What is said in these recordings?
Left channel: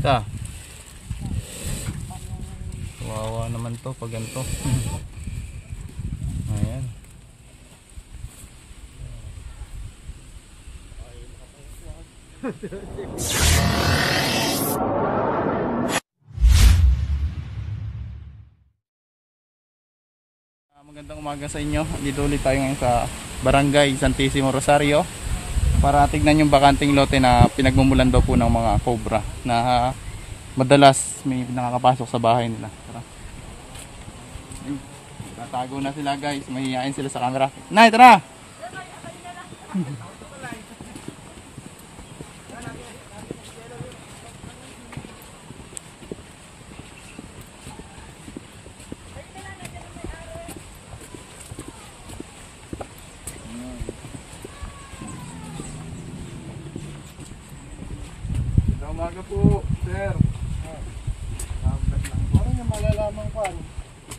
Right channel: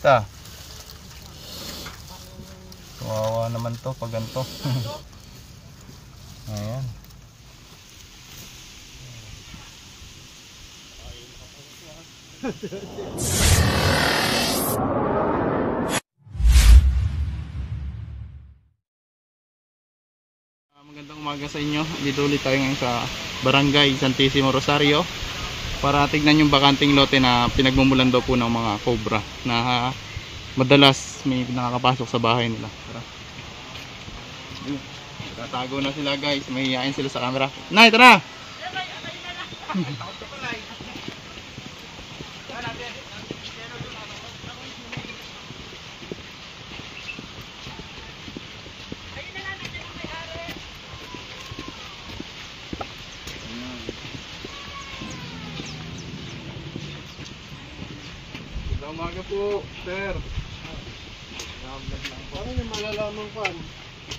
Ta. Kawawa naman to pag ganito. Ayan. Magandang umaga sa inyo. Dito ulit tayo ngayon sa Barangay Santissimo Rosario para tignan yung bakanting lote na pinagmumulan daw po ng mga cobra na madalas may nakakapasok sa bahay nila. Tatago na sila guys, mahihain sila sa camera. Nay, tara! Umaga po, sir. Ano yung malalaman ko?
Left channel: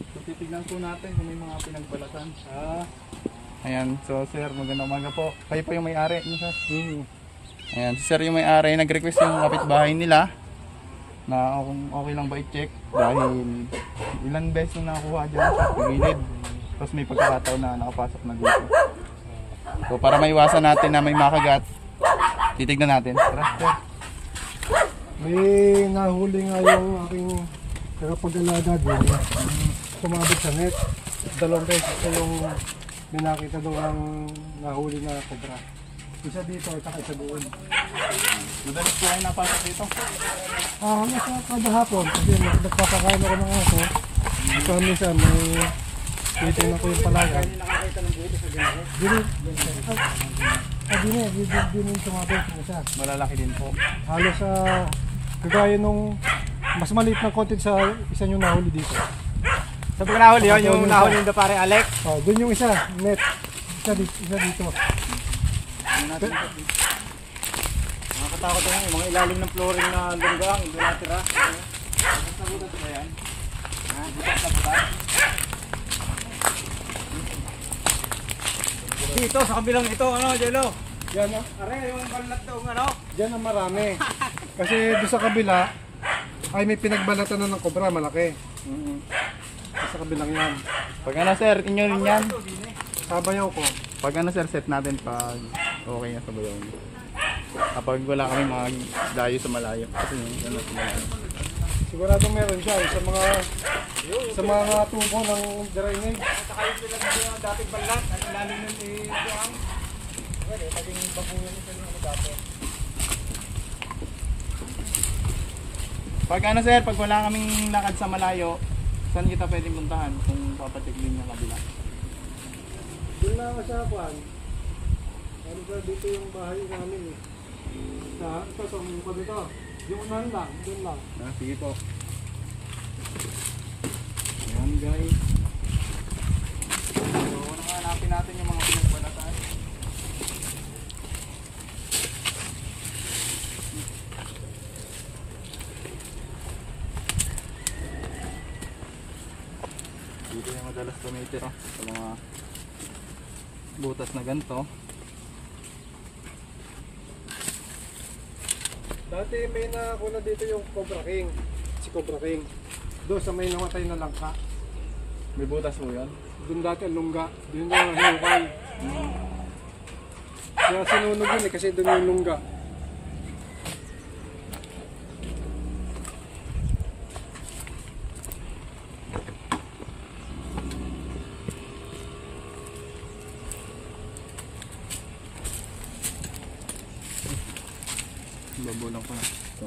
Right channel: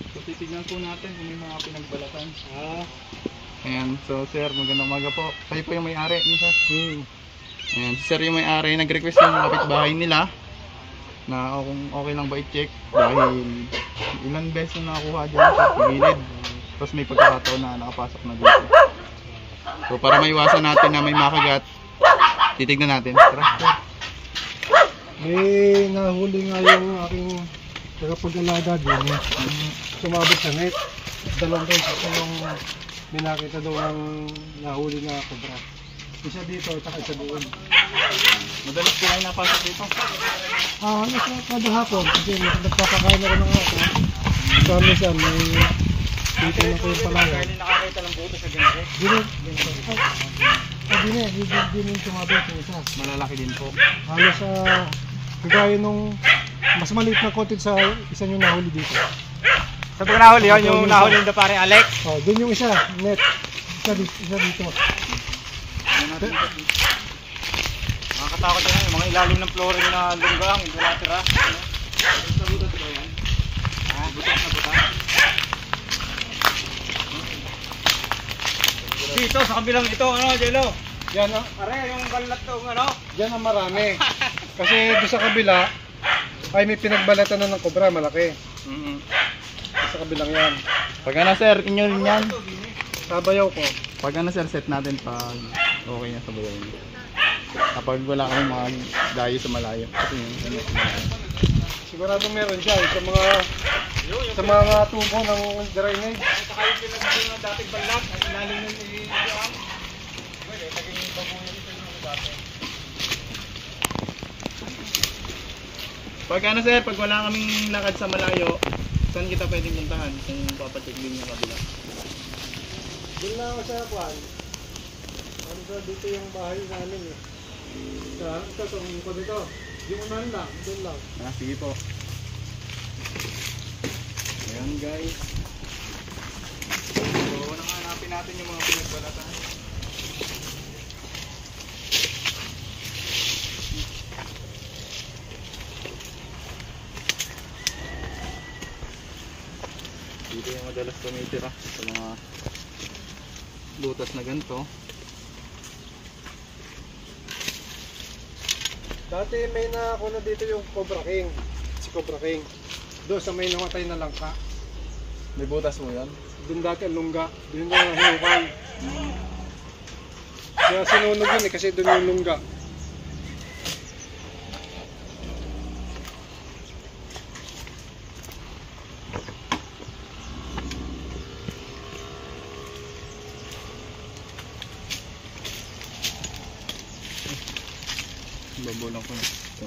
So, titignan po natin kung may mga pinagbalatan. Ayan, so sir, magandang umaga po. Kayo po yung may-ari, no, sir? Ayan, si sir yung may-ari. Nag-request yung kapitbahay nila na kung okay lang ba i-check dahil ilang beses na nakakuha dyan sa gilid. Tapos may pagkakataon na nakapasok na dito. So para maiwasan natin na may makagat, titignan natin. Tara, sir. May nahuli nga yung aking tagapag-alaga din. Sumabit sa net. Dalawang beses na yung may nakita daw ang nahuli na cobra. Isa dito at isa doon. Madalas po kayo napasok dito? Nasa kada hapon. Kasi nagpapakain ako ng aso. So minsan may titignan ko yung palayan. Nakakita ng buto sa ginagawa? Din yung sumabit yung isa. Malalaki din po. Halos sa kagaya nung mas maliit na konti sa isa yung nahuli dito. Sa pag nahuli yun, yung nahuli yung pare Alex? Doon yung isa, net. Isa dito. Nakakatakot yun, yung mga ilalim ng flooring na lunggang, hindi natira. Sa butas ba yan? Butas na butas? Dito, sa kabilang ito, ano, Jello? Yan Are, yung balat to, ano? Diyan ang marami. Kasi doon sa kabila, ay may pinagbalatan na ng cobra, malaki. Sa kabilang yan. Pag ano sir, inyo rin yan. Sabayaw ko. Pag ano sir, set natin pag okay na sa bayan. Kapag wala kami mga dayo sa malayo. Kasi yun sa malayo. Sigurado meron siya sa mga tubo ng drainage. Saka yung pinag dating balat, ang ilalim ng iyong. Pwede, naging babuhin ito yung dati. Pag ano sir, pag wala kaming lakad sa malayo, saan kita pwedeng puntahan kung papacheck din yung kabila? Doon lang ako sa kwan. Ano ba dito yung bahay namin eh. Ito, tumingin ko dito. Yung unahin lang, doon lang. Sige po. Ayan guys. So, hanapin natin yung mga pinagbalatan. Dito yung madalas tumitira sa mga lutas na ganito. Dati may nakakuna dito yung Cobra King. Si Cobra King. Doon sa may namatay na langka. May butas mo yan? Doon dati ang lungga. Doon na hinukay. Kaya sinunog yun eh kasi doon yung lungga. Babulang ko na. So.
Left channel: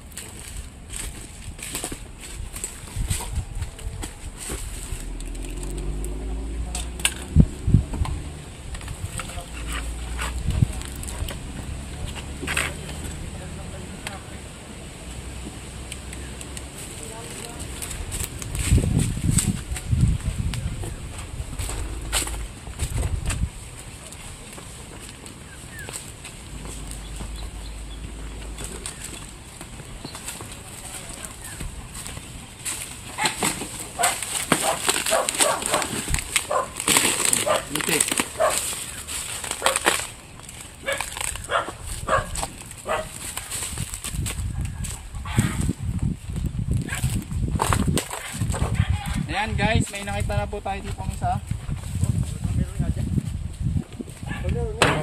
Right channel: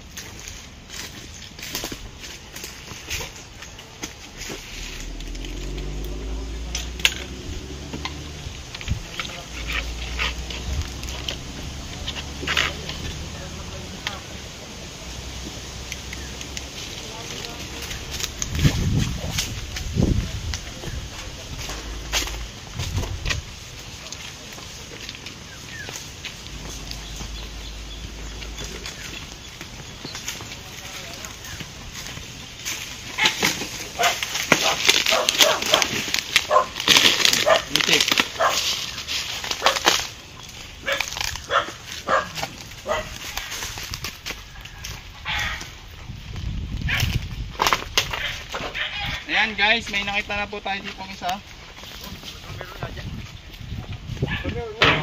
Ayan guys, may nakita na po tayo dito isa.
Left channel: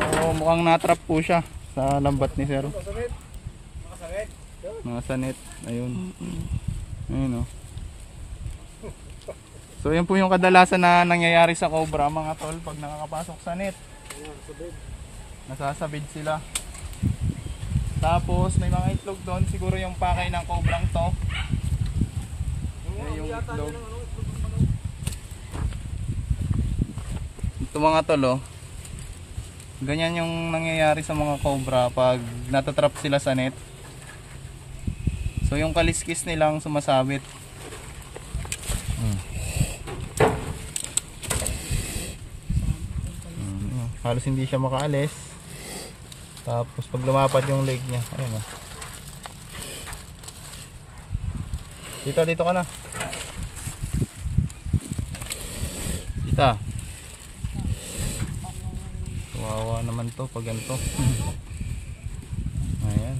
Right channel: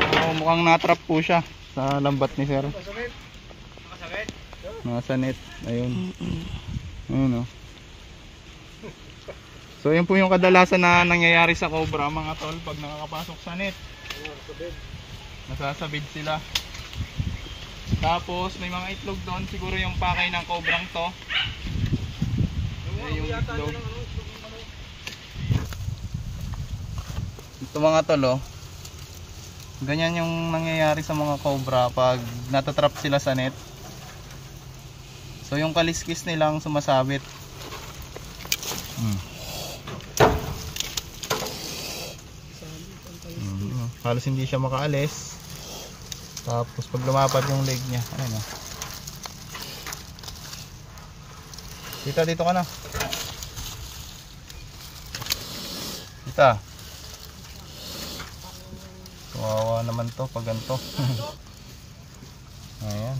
So, mukhang natrap po siya sa lambat ni sir. Nasa net. Ayun. Ayun, oh. So yun po yung kadalasan na nangyayari sa cobra mga tol pag nakakapasok sa net. Nasasabid sila. Tapos may mga itlog doon, siguro yung pakay ng cobrang to. Yung itlog. Ito mga tol, oh. Ganyan yung nangyayari sa mga cobra pag natatrap sila sa net. So yung kaliskis nilang sumasabit. Halos hindi siya makaalis. Tapos pag lumapad yung leg niya, ayun oh. Tita, dito ka na. Tita. Kawawa naman to pag ganito. Ayan.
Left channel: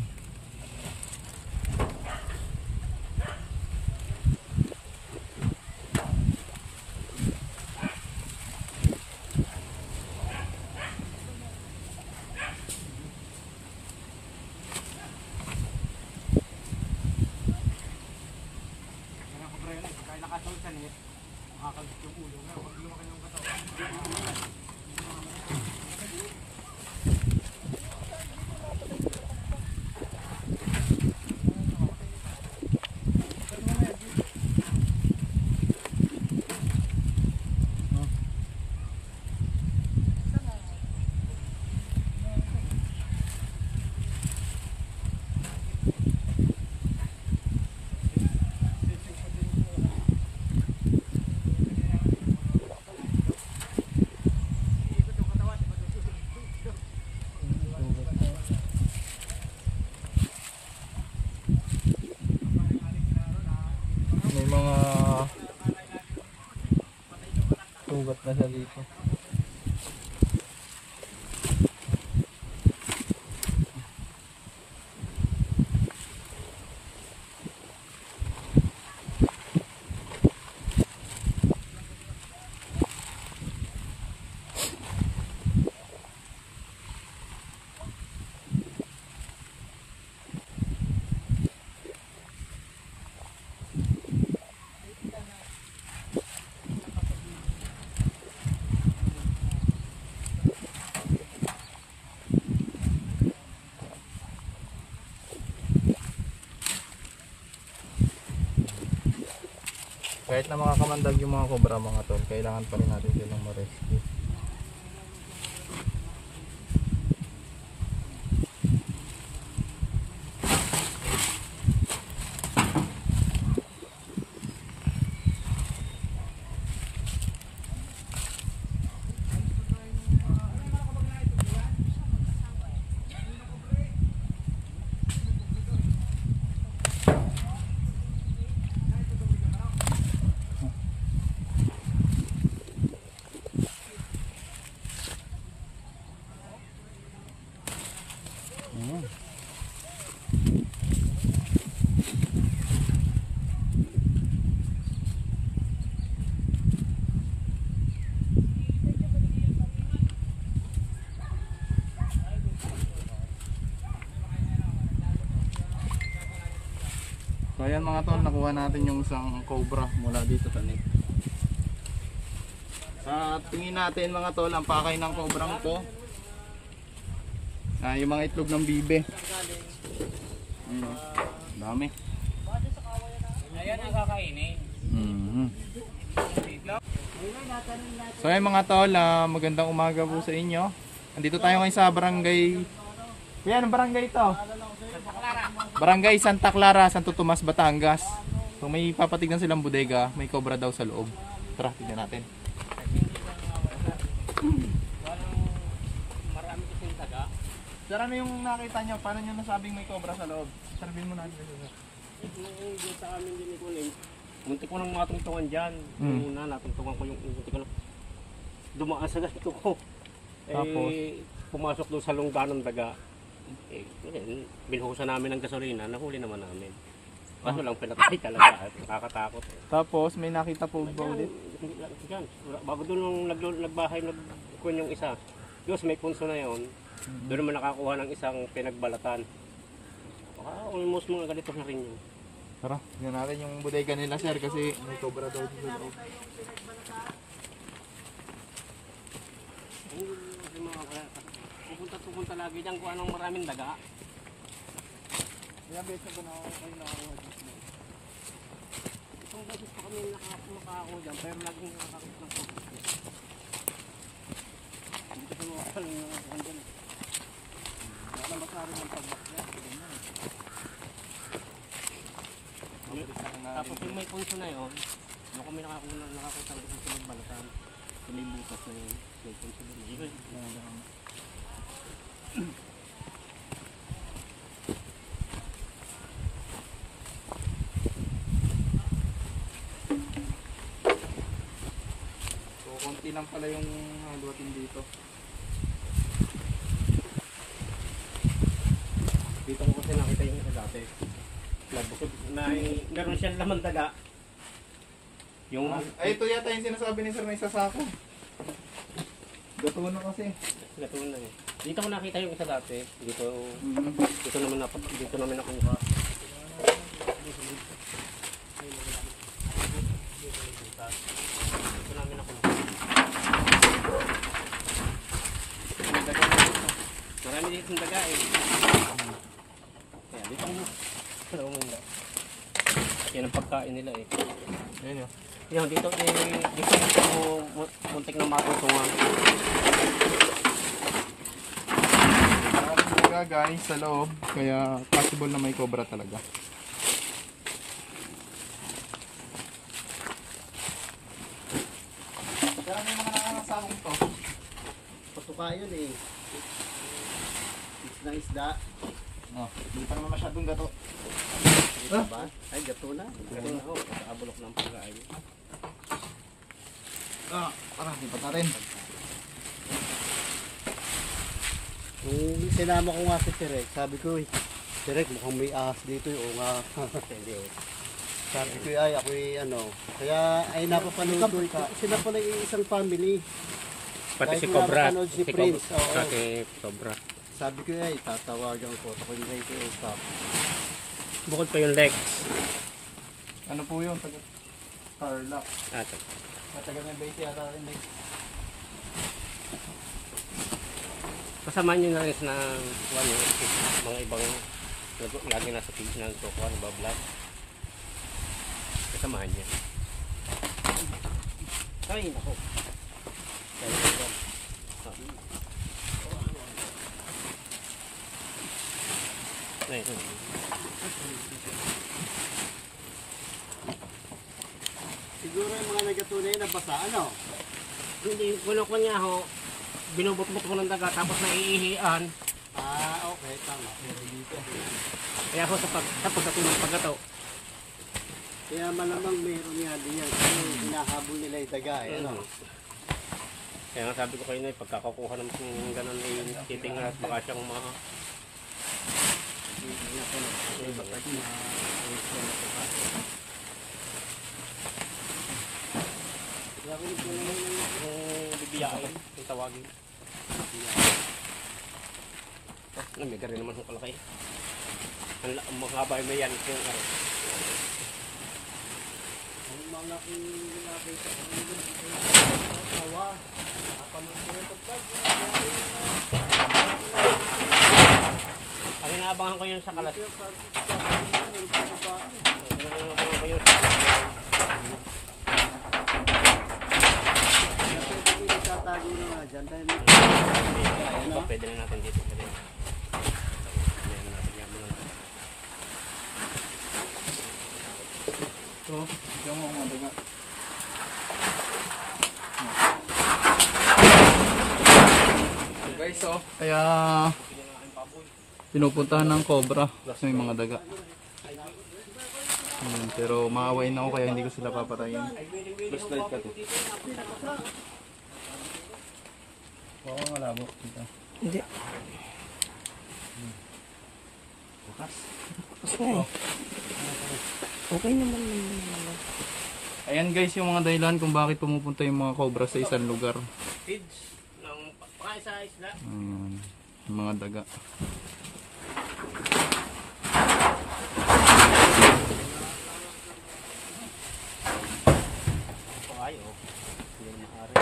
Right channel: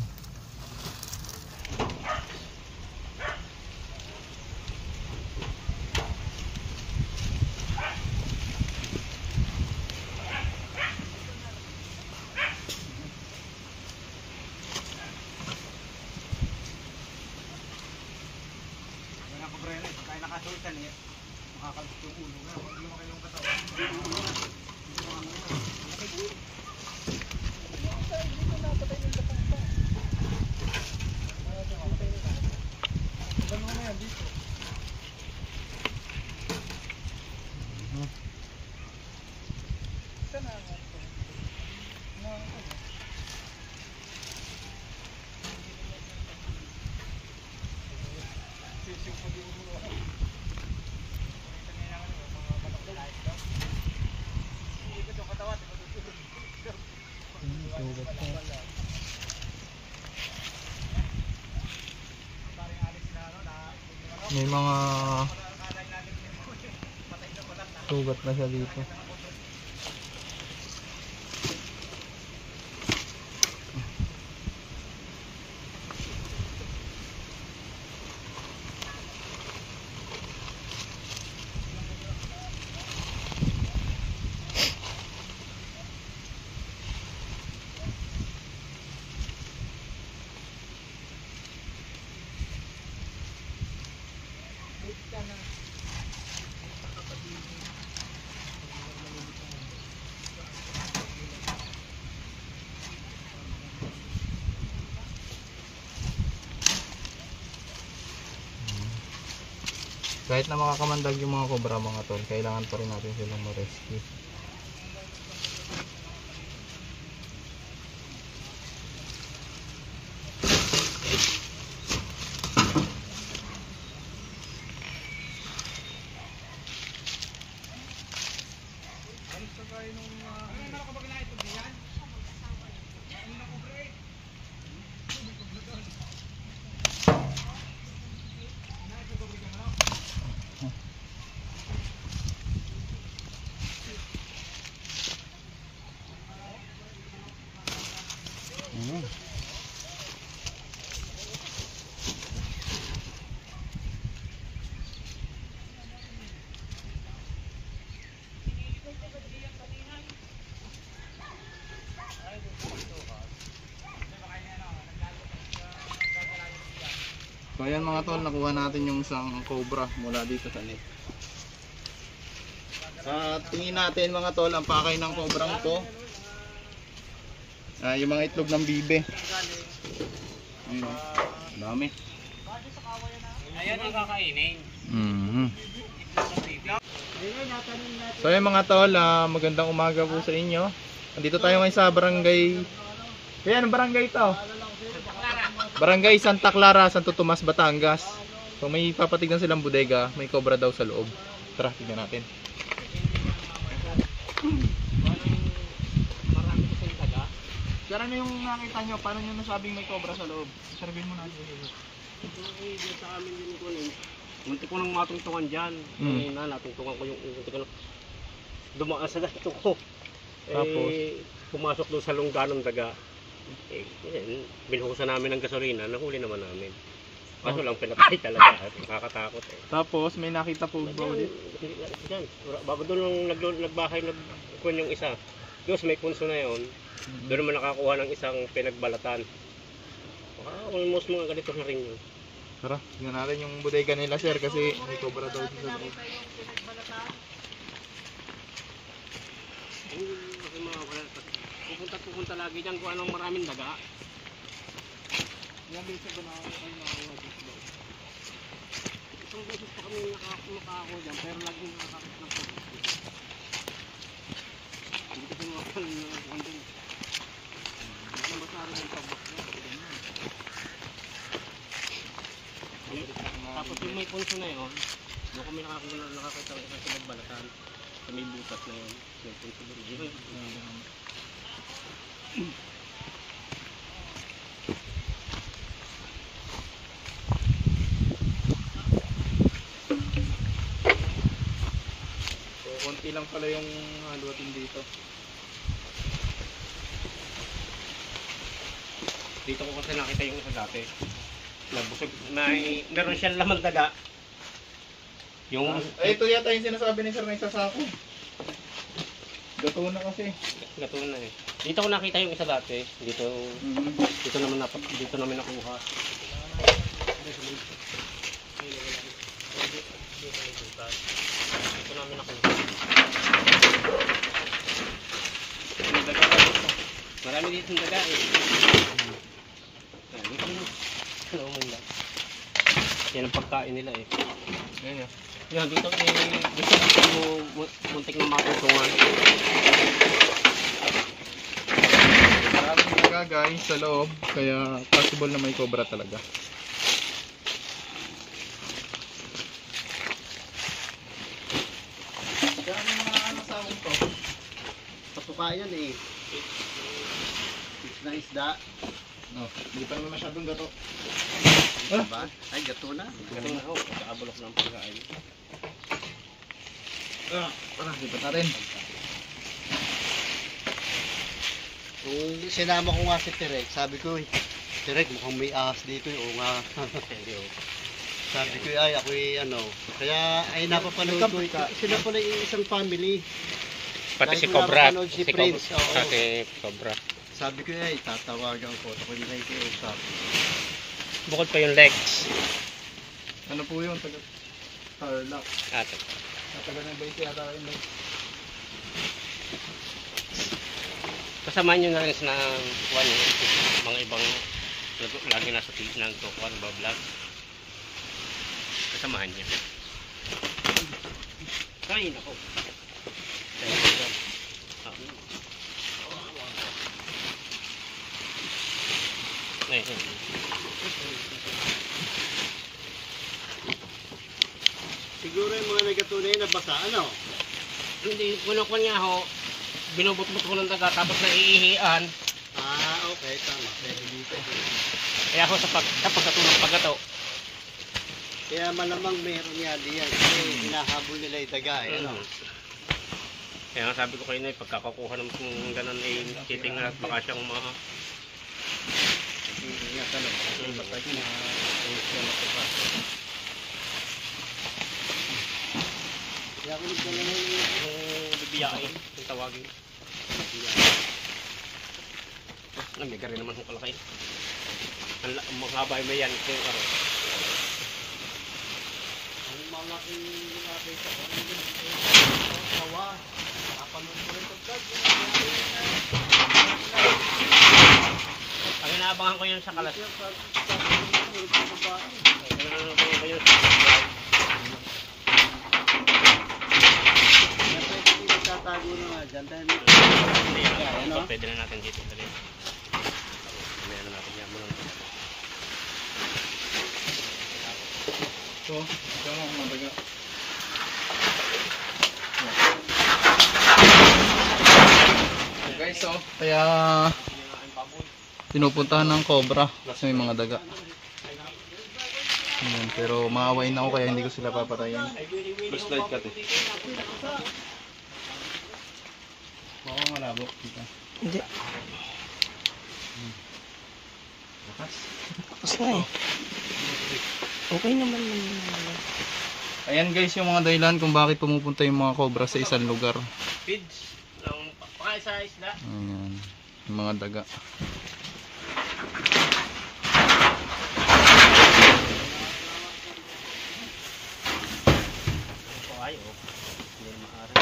May mga sugat na siya dito. Kahit na makakamandag yung mga cobra mga tol, kailangan pa rin natin silang ma-rescue. So ayan mga tol, nakuha natin yung isang cobra mula dito sa net. Sa tingin natin mga tol, ang pakay ng cobrang to, yung mga itlog ng bibe. Ayun, dami. Ayan ang kakainin. So ayan mga tol, magandang umaga po sa inyo. Nandito tayo ngayon sa barangay. Kaya anong barangay ito? Barangay Santa Clara, Santo Tomas, Batangas. So may papatignan silang bodega, may cobra daw sa loob. Tara, tignan natin. Marami ko sa taga. Sir, ano yung nakita nyo? Paano nyo nasabing may cobra sa loob? Sabihin mo natin. Dito sa amin din ko rin. Munti ko nang matungtungan dyan. Na natungtungan ko yung munti ko lang dumaan sa ganito ko. Tapos? Pumasok doon sa lungga ng daga. Binuhusan namin ng gasolina, nahuli naman namin. Kaso lang pinatay talaga. Nakakatakot eh. Tapos may nakita po ba ulit? Diyan. Bago doon nung nagbahay, nagkuhan yung isa. Diyos, may punso na yon. Doon naman nakakuha ng isang pinagbalatan. Almost mga ganito na rin yun. Tara, tingnan natin yung bodega nila sir kasi may cobra daw dito sa loob. Kasi mga pupunta lagi dyan kung anong maraming daga. Ilang beses ba nakakuha dito? Isang beses pa kami nakakakuha dyan pero laging nakakit ng cobra. Hindi kasi makakal yung andyan. Wala masari ng pagbak niya. Tapos yung may punso na yun, doon kami nakakita ng isang pinagbalatan. Sa may butas na yun, may punso doon. Dito yun. So konti lang pala yung haluatin dito. Dito ko kasi nakita yung isa dati. Nabusog, meron siyang laman daga. Yung, Ay ito yata yung sinasabi ni sir na isa sa ako. Gato na kasi. gato na eh. Dito ko nakita yung isa dati. Dito dito namin nakuha. Dito namin nakuha. May daga na dito. Marami dito yung daga eh. Kaya dito ko dalawang nila. Yan ang pagkain nila eh. Ayan yan. Yan, dito muntik na matutungan. Maraming daga guys sa loob kaya possible na may cobra talaga. Kaya may mga nakakasahong to. Patuka yan eh. Na isda. Oh, hindi pa naman masyadong gato. Ba? Ay, gato na. Ito na ako, pagkakabulok ng pagkain. Parang lipat natin. Nung sinama ko nga si Terek, sabi ko, Terek, mukhang may ahas dito. Oo nga. Hindi oh. Sabi ko, ay, ako'y ano. Kaya, ay, napapanood ko. Sila pala yung isang family. Pati Dahil si ko Cobra. napapanood si Prince, oo. Pati Cobra. Sabi ko, ay, tatawagan ko. Ako hindi kayo kausap. Bukod pa yung legs. Ano po yun? Tarlac. Ate. Natagal na ba ito yata rin ba? Kasama nyo na rin sa mga ibang lagi nasa feed ng tukuan, vlog. Kasamahan niya. Kain ako. Kain ako. Ngayon. Siguro yung mga nagatunay na basa, ano? Hindi, kuno-kuno niya ho. Binubot-bot ko ng daga tapos naiihian. Ah, okay, tama. Pwede dito. Kaya ako sa pagkatulong pagkato. Kaya malamang meron yan diyan. Kasi hinahabol nila yung daga, eh. Ano? Kaya nga sabi ko kayo na pagkakakuha ng ganun ay titingnan at baka siyang Ingatan ako kasi iba tayo ayos yan ako pa. Kaya ako nito naman yung bibiyain, yung tawagin. Namiga rin naman kung kalaki. Ang mga habay may yan ito yung araw. ang mga kinagay sa kanila tawa. Kapanood ko rin pagkag. Ang inaabangan ko yun sa kalas. Kaya pag pwede nagtatago na nga dyan dahil Pwede na natin dito. May ano natin yan. So, ito mo mga daga. So guys, so, kaya pinupuntahan ng cobra kasi may mga daga. Pero maawain ako kaya hindi ko sila papatayin. flashlight ka to. Oo, malabo. Dito. Hindi. Bukas. Kasi nga eh. Okay naman naman. Ayan guys yung mga dahilan kung bakit pumupunta yung mga cobra sa isang lugar. Feeds. Pakain sa isla. Ayan. Yung mga daga. Pakain oh. Hindi na maaari.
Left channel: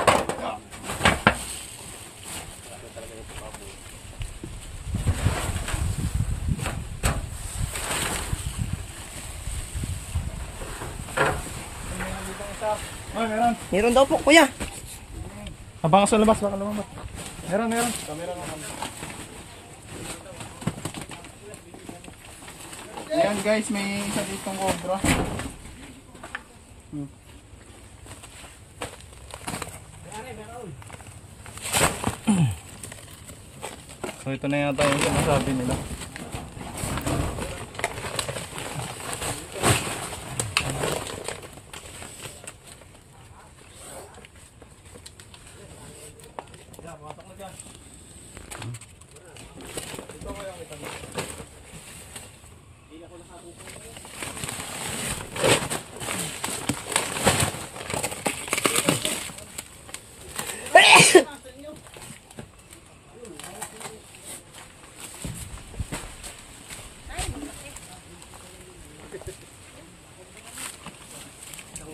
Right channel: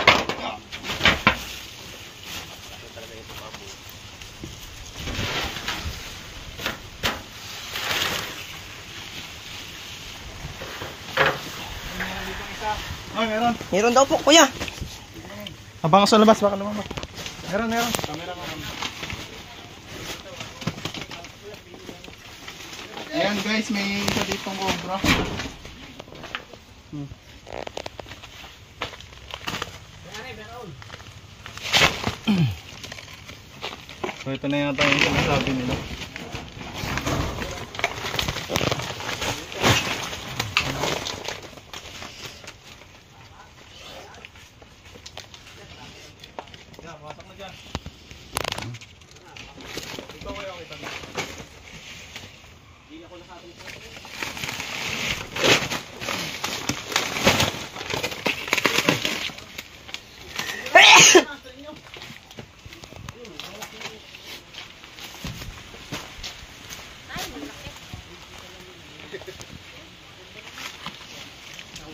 Kasi talaga yung baboy. Ay, meron. Meron daw po, kuya. Abang ka sa labas, baka lumabas. Meron. Ayan guys, may isa ditong cobra. So ito na yata yung sinasabi nila.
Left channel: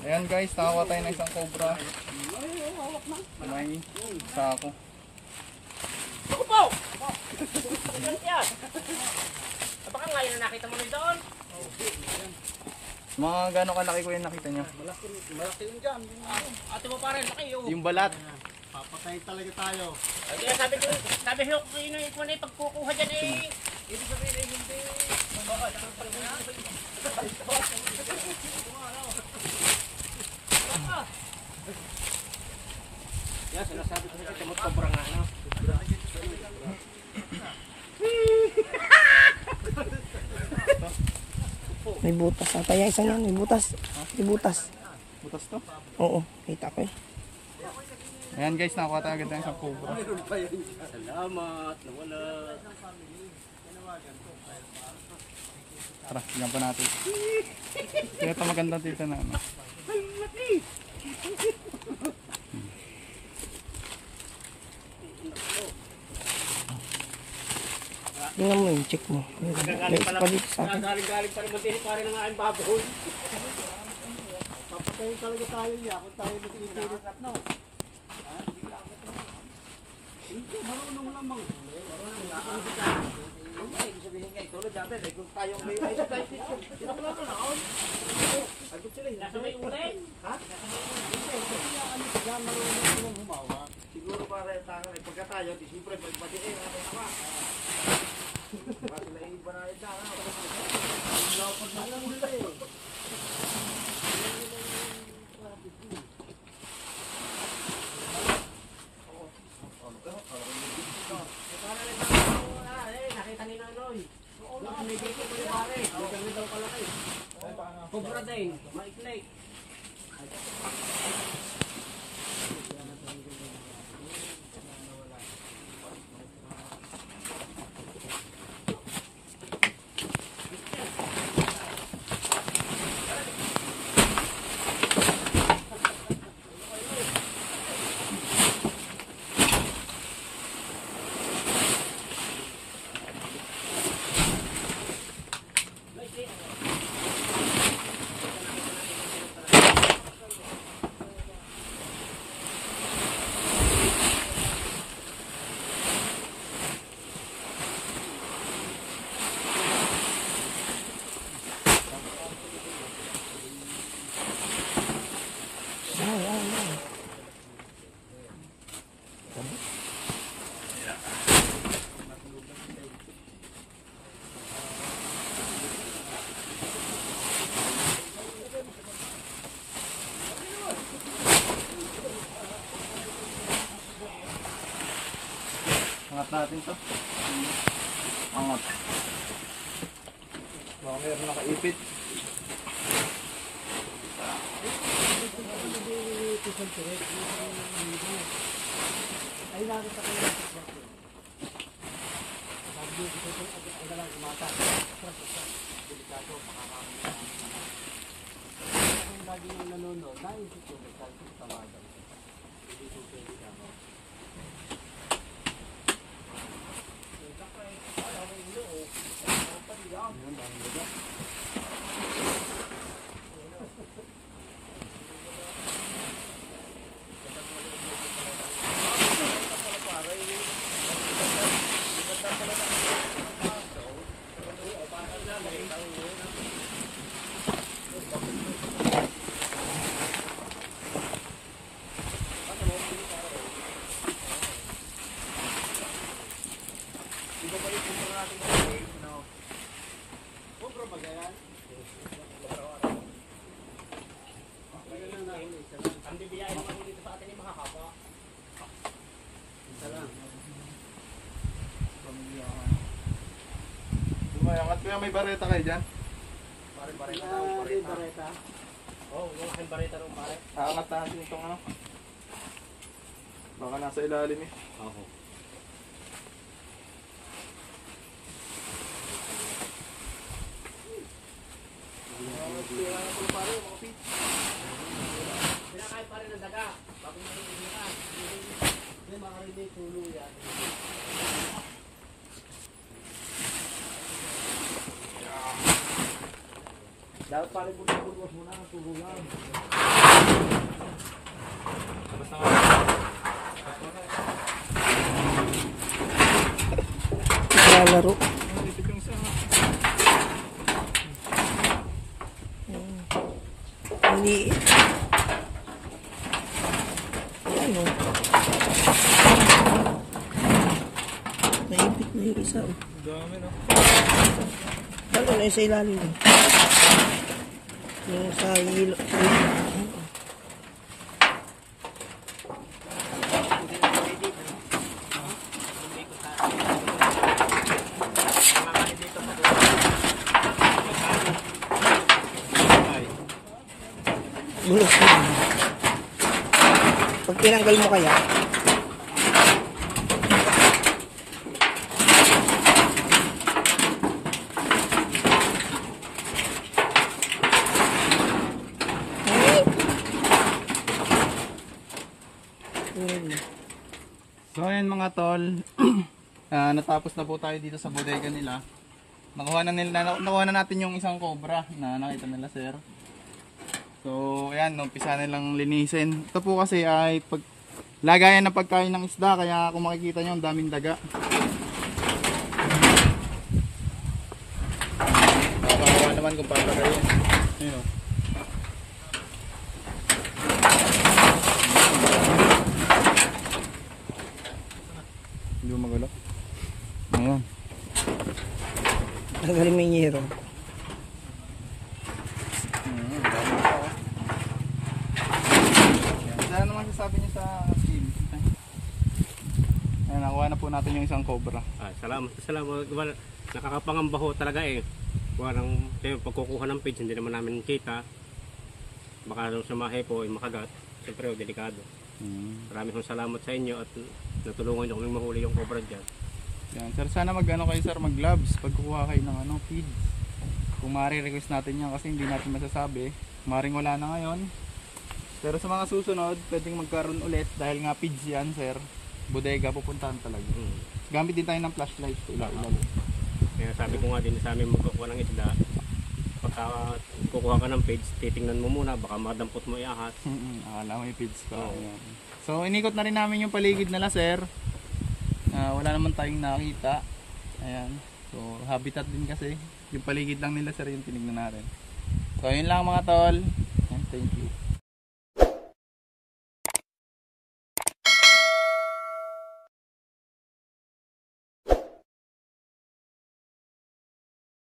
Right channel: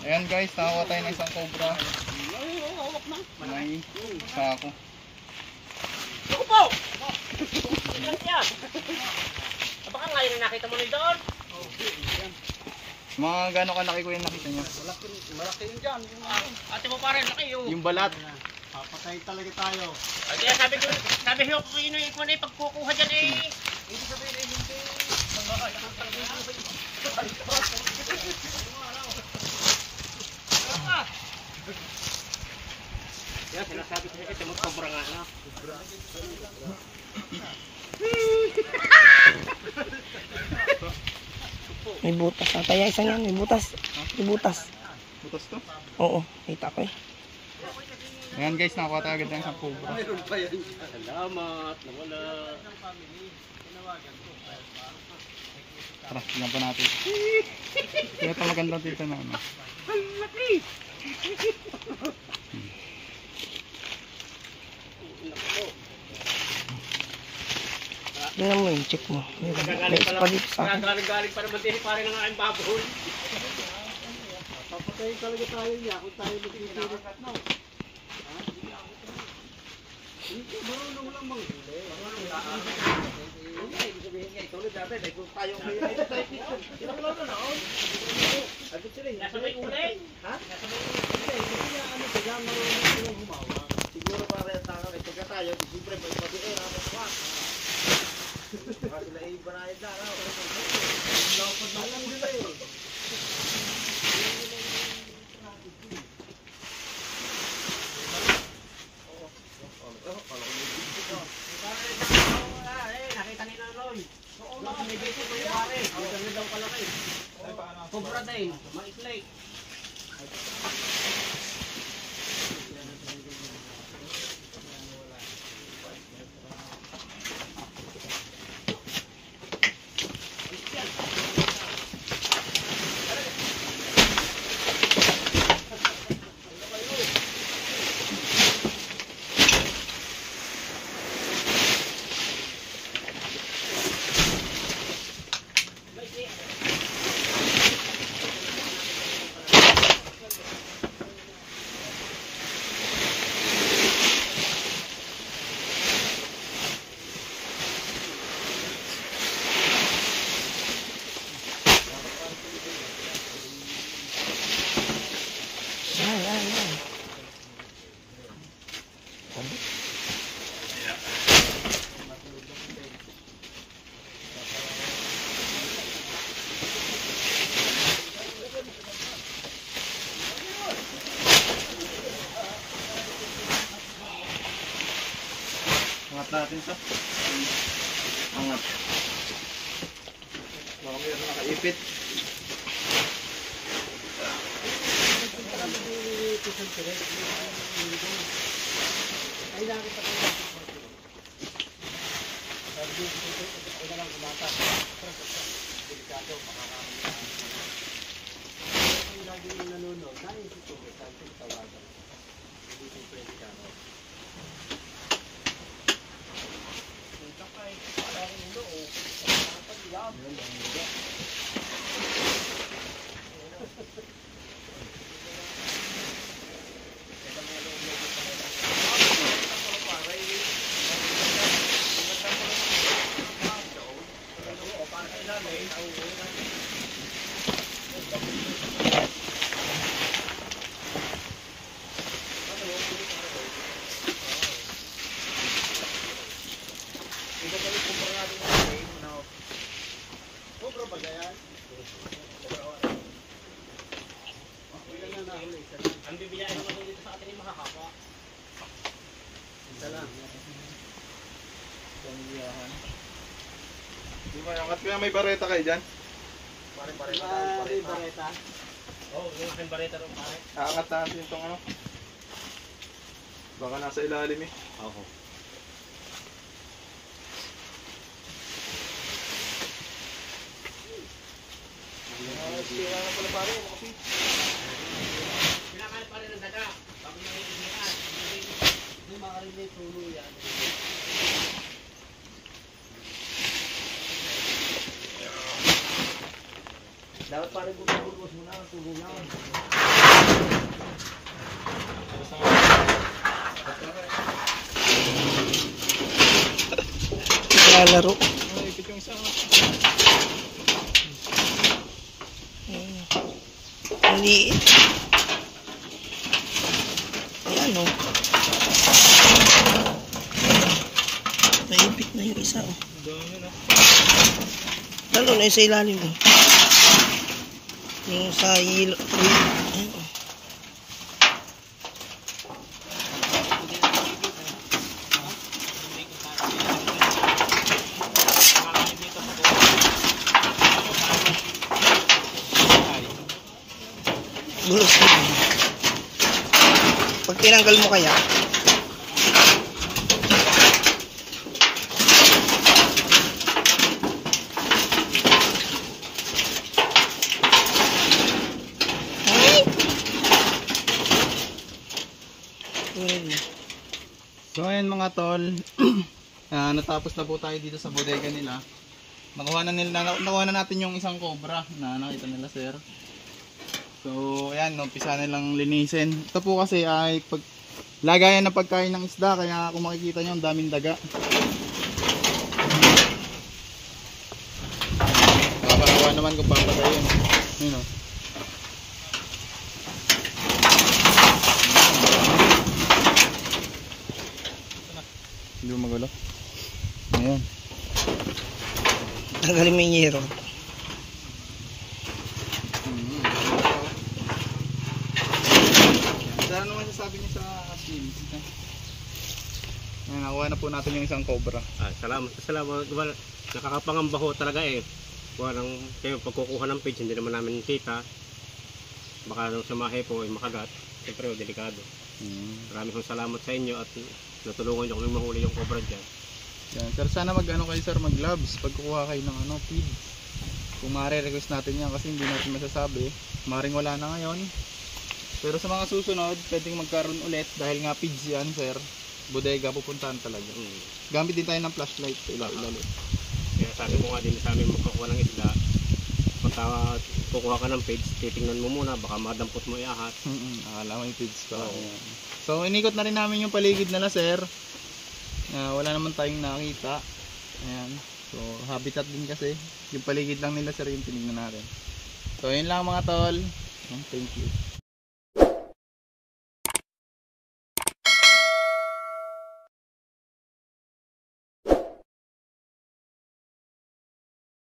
Ayan guys, nakakuha tayo ng isang cobra. May sako. Baka ngayon na nakita mo na doon. Mga gano'ng kalaki ko yung nakita niyo? Ate mo parang laki oh. Yung balat. Papatay talaga tayo. Ay, kaya sabi ko kung ino na pagkukuha dyan eh. Hindi sabihin eh, hindi. Kaya sinasabi ko kasi mag-cobra nga na. May butas. Ataya isa yan, may butas. May butas. Butas to. Oo, kita ko eh. Ayan guys, nakakuha tayo agad ng isang cobra. Salamat, nawala. Tara, tignan pa natin. Kaya ito maganda dito na ano. Tingnan mo yung check mo. May isa pa dito sa akin. Galing pa naman din pare ng aking baboy. Papatay talaga tayo niya kung tayo magtitirit at no. Hindi, marunong lang manghuli. Ibig sabihin nga, ito ulit dati, kung tayo may tinaklo na noon. Agad sila yun. Nasa may uling. Ha? Ano sila, marunong silang humawa. Siguro para yung tao, pagka tayo, siyempre, pati natin naman. Baka sila ibanayad na, ano? Lapad na lang nila eh. Nakita ni Loloy. Nakita ni pare. Ganyan daw kalaki. Cobra din. Maikli. Ay. Angat natin to. Angat. Baka meron nakaipit. Ang bibiyahin mo dito sa atin yung makakapwa. Angat kaya may bareta kayo dyan? Bareta? Oo, yung aking bareta rin pare. Aangat natin itong ano. Baka nasa ilalim eh. Oo. Pinakain pa rin ng daga. Bago nyo yung initan. Hindi makarinig tulo yan. Dapat pa rin bulbos muna ng tulo yan. Lalaro. Ipit yung isa. Ang liit. Ayan o. Naipit na yung isa. Dami na. Lalo na yung sa ilalim eh. Yung sa yelo. Ayan o. Gulos na. Pag tinanggal mo kaya, ay! Kunin mo. So ayan mga tol, natapos na po tayo dito sa bodega nila. Nakuha na natin yung isang cobra na nakita nila sir. So ayan, umpisa nilang linisin. Ito po kasi ay lagayan na pagkain ng isda, kaya kung makikita nyo ang daming daga. Kaya naman kung papagayin. Yun o. Hindi mo magulo. Ayan. Tanggalin mo yung yero. Ano naman sasabi niyo sa skills? Ayan, nakuha na po natin yung isang cobra. Salamat. Well, nakakapangamba ho talaga eh. Walang pagkukuha ng page, hindi naman namin kita. Baka nung sumahe po ay makagat. Siyempre ho, delikado. Maraming salamat sa inyo at natulungan nyo kami mahuli yung cobra dyan. Yan, sir, sana kayo sir, mag gloves pag kukuha kayo ng feed. Kung request natin yan kasi hindi natin masasabi. Maring wala na ngayon. Pero sa mga susunod, pwedeng magkaroon ulit dahil nga feeds yan sir. Bodega pupuntahan talaga. Gamit din tayo ng flashlight. Kaya sabi ko nga din sa amin magkukuha ng isda. Pagka kukuha ka ng page, titingnan mo muna, baka madampot mo iahas. Alam mo yung feeds pa. So inikot na rin namin yung paligid nila sir. Wala naman tayong nakita. Ayan. So habitat din kasi. Yung paligid lang nila sir yung tinignan natin. So yun lang mga tol. Thank you.